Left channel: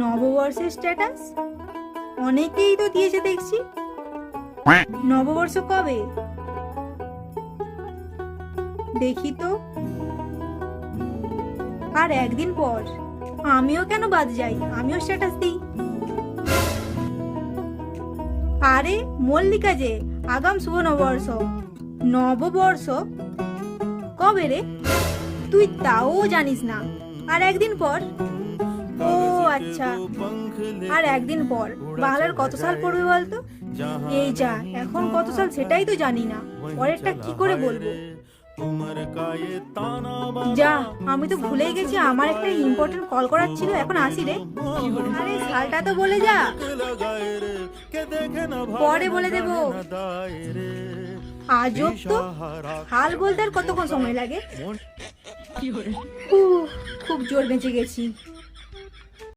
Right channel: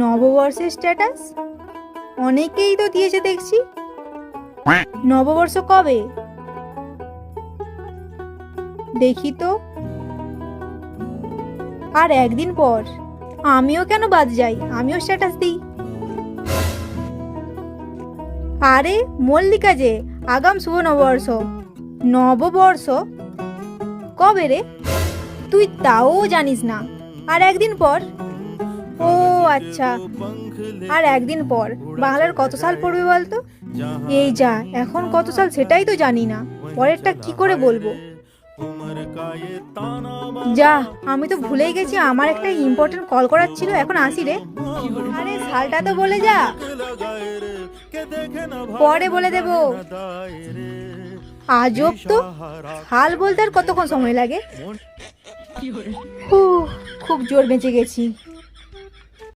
নববর্ষের স্ট্যাটাস অনেকেই তো দিয়েছে দেখছি। নববর্ষ কবে দেখি তো? আর একদিন পর। আমিও কেন বাদ যাই, আমিও স্ট্যাটাস দিই। আরে মল্লিকা যে, আগাম শুভ নববর্ষ। নববর্ষ কবে রে? তুই তাও জানিস না? আর একদিন পর। ও আচ্ছা, আর একদিন পর বাংলার কত সাল পড়বে বলতো? এই যা, এখন কত সাল সেটাই তো জানি না, পরেরটা কি করে বলবো? যা, আমি তো ভুলেই গেছি, আমার একটা ইম্পর্টেন্ট কল করার ছিল, এখন আসি রে। আরে সালটা তো বলে যা। পরে বলে দেবো। আজব তো, হাল বলতে আর কতক্ষণ সময় লাগে? খুব জোর বেঁচে গেছি।